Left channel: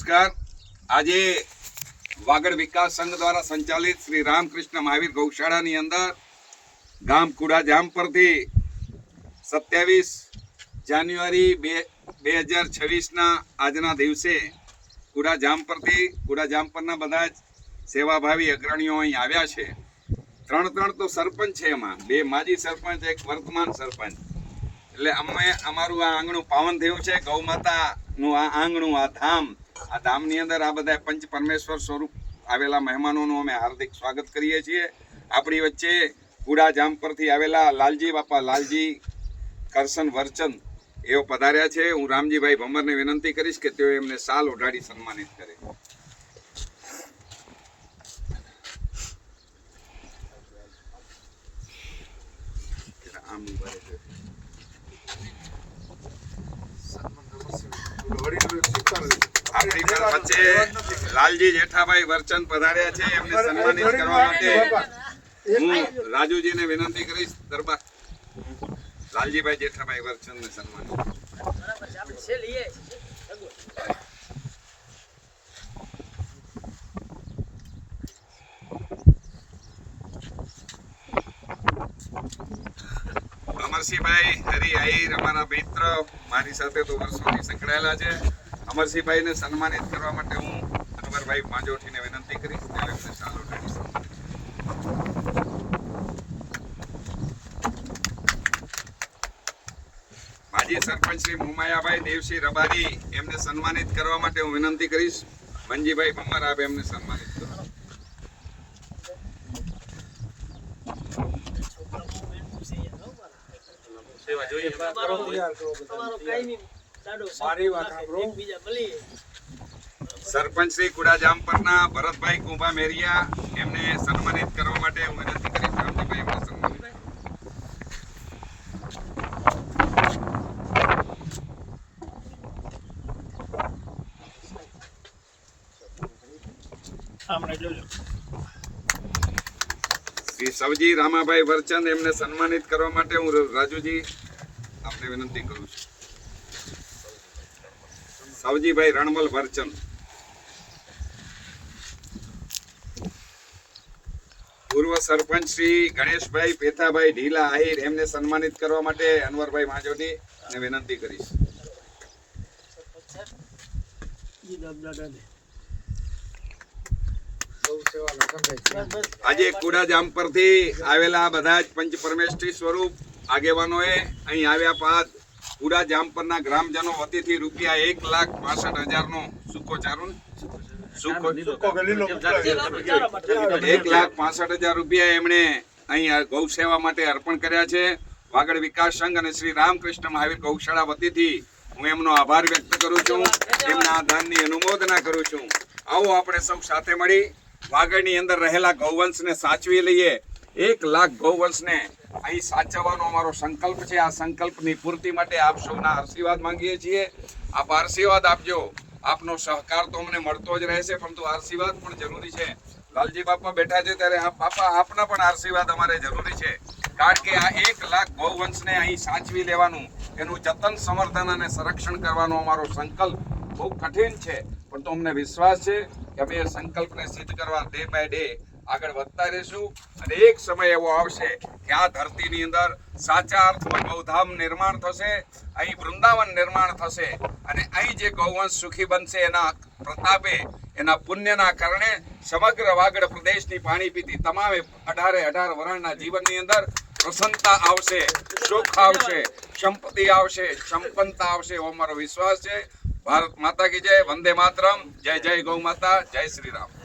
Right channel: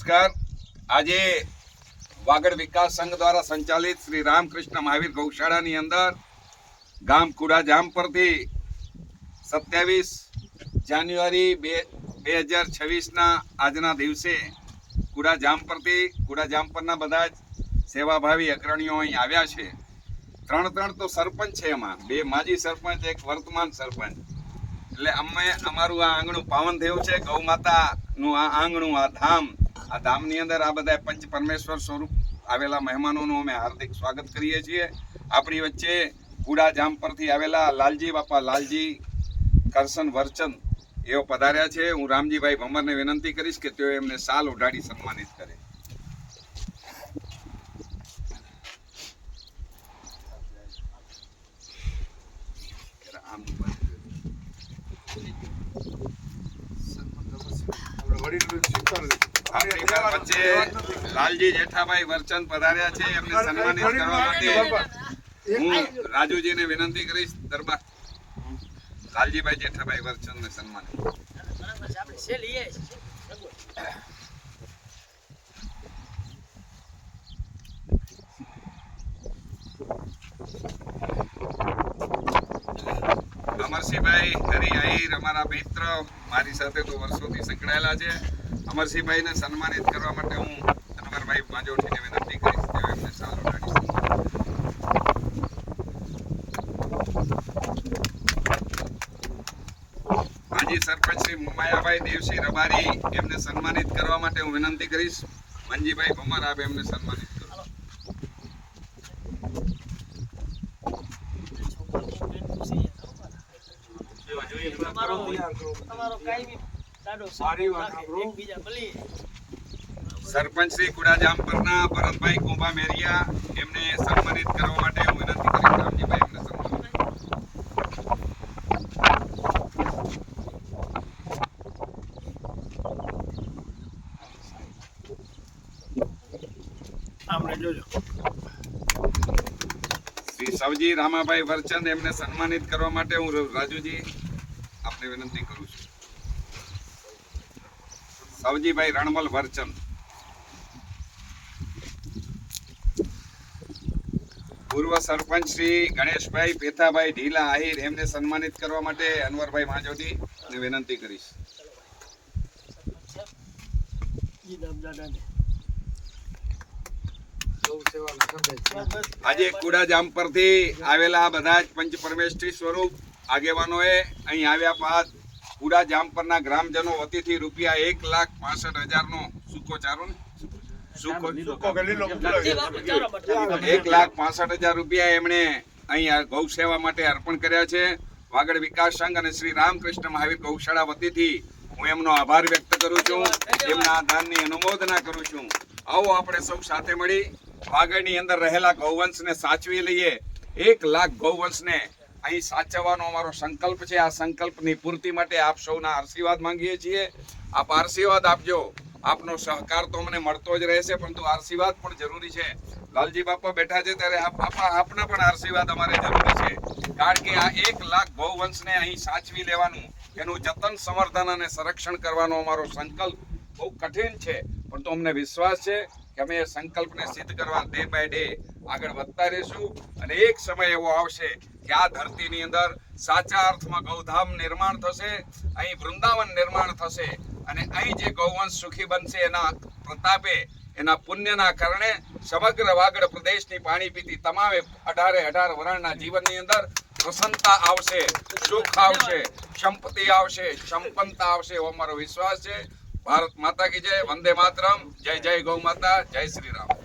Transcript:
નમસ્કાર. આજે વાગડ વિકાસ સંઘ દ્વારા સંચાલિત શ્રી રામકૃષ્ણ મહાવીર ગૌશાળાની અંદર ગામ કુડા જામ પરથી સત્યાવીસ જાન્યુઆરી બે બે હજાર છવ્વીસના આજના દિવસે કુડા જામ પરથી કુડા જામ પરના બધા જ સેવાભાવી અગ્રણીઓ અહીં આવ્યા છે. ત્રણ ત્રણ તો સરપંચ છે એમાં. બે માજી સરપંચ, એક વર્તમાન સરપંચ. એટલે અમે અમારું આ આંગણું પાવન થયું છે. ગૌ માતાનું આ આંગણું, આ ધામ આ ધામની અંદર આ બધા પંચ પરમેશ્વર સ્વરૂપ આવેલા મહેમાનોનું અમે હાર્દિક સ્વાગત કરીએ છીએ. આપણી વચ્ચે કુડા જામ પરથી આવેલા લાલજી બાપા, લાલજી કરશન વરચંદ એઓ પધાર્યા છે. હું રામજીભાઈ ભમરને વિનંતી કરીશ કે તેઓ એમને સાલ ઓઢાડી સન્માનિત કરે. આપણી વચ્ચે લાલજી જેઠાભાઈ વર્ચન પધાર્યા છે એમને સન્માનિત કરવા માટે હું રાજુજીને વિનંતી કરીશ દરબાર. લાલજીભાઈ જેઠાભાઈ વર્ચનને સન્માનિત. અમરસિંહભાઈ, હરી, આહિર, અમારા મિત્ર, મારી સાથે તો વર્ષોથી સંકળાયેલા છે. અમરસિંહભાઈને સન્માનિત કરવા માટે હું અનવરભાઈ પાંજોઠીને વિનંતી કરીશ કે એમને સાલ માજી સરપંચ શ્રી મુમાયાભાઈ, દેવસિંહ રબારી એમને સન્માનિત કરવા માટે હું વિનંતી કરીશ. મંજીભાઈ ભમર એમને સન્માનિત કરો સરપંચ શ્રી કુડાજામ પરના ભરતભાઈ કુંભા મેરિયા એમને સન્માનિત કરવા માટે હું વિનંતી શ્રી સવજી રામાભાઈ વરચંદ એમને સન્માનિત કરવા માટે હું રાજુજી આપને વિનંતી કરું છું. સાવજીભાઈ રણમલ વર્ચન. પૂર્વ સરપંચ શ્રી ગણેશભાઈ પેથાભાઈ ઢીલા આહિર એમને સન્માનિત કરવા માટે અનવરભાઈ માંજોટી અને વિનંતી કરીશ. આજે કુડાજામ પરથી આવેલા બધા જ પંચ પરમેશ્વરી સ્વરૂપ આગેવાનોએ અહીં આવ્યા બાદ કુડા જામપરના ગ્રામજનો વતીથી રૂપિયા એક લાખ પાસઠ હજારનો સૂકો ચારું એક લાખ પાસઠ હજાર રૂપિયા એમણે અહીં આ ગૌ સેવા માટે અર્પણ કર્યા છે. વાગડ વિકાસ સંઘ અને શ્રી રામકૃષ્ણ મહાવીર ગૌશાળા વતીથી હું એમનો આભાર વ્યક્ત કરું છું. એમના આ દાનની અનુમોદના કરું છું. આવો આપણે સૌ સાથે મળી. વાગડની અંદર રહેલા ગૌવંશને સાચવી લઈએ. એક લાખ ગૌવંશને અહીં સાચવવાનો અમારો સંકલ્પ છે. આ સંકલ્પની પૂર્તિ માટે આપ સૌના આશીર્વાદ માંગીએ છીએ. આપ આશીર્વાદ આપજો. આપનો સહકાર તો અમને મળતો જ રહેશે, પરંતુ આશીર્વાદ પણ જરૂરી છે. લાલજી બાપા બેઠા છે ત્યારે આપ બાપા આપના પણ આશીર્વાદ અમારે જરૂરી છે. કારણ કે આ એક લાખ ગૌવંશને અહીં સાચવી લેવાનું, એનું જતન, સંવર્ધન અને સંરક્ષણ કરવાનો અમારો સંકલ્પ બહુ કઠિન છે. પણ તો અમને વિશ્વાસ છે કે અમે એ સંકલ્પને સિદ્ધ કરવા ડે બાય ડે આગળ વધતા રહીશું અને એક સમય એવો આવશે કે આ ધરતીની અંદર સાચા અર્થમાં ગૌધામ નિર્માણ થશે, અહીં વૃંદાવન નિર્માણ થશે અને અહીં જે ગૌવંશ સુખી બનશે એના પ્રતાપે, એના પુણ્યના કારણે સમગ્ર વાગડ પ્રદેશની પાણી પીતી તમામે અઢારે અઢાર વરણના જીવનની અંદર પ્રસન્નતા આવશે, સુખ આવશે, સંપત્તિ આવશે, સંપન્નતા આવશે એવો મારો વિશ્વાસ છે. ભારત માતા કી જય, વંદે માતરમ. જય જય ગૌ માતા, જય શ્રી રામ.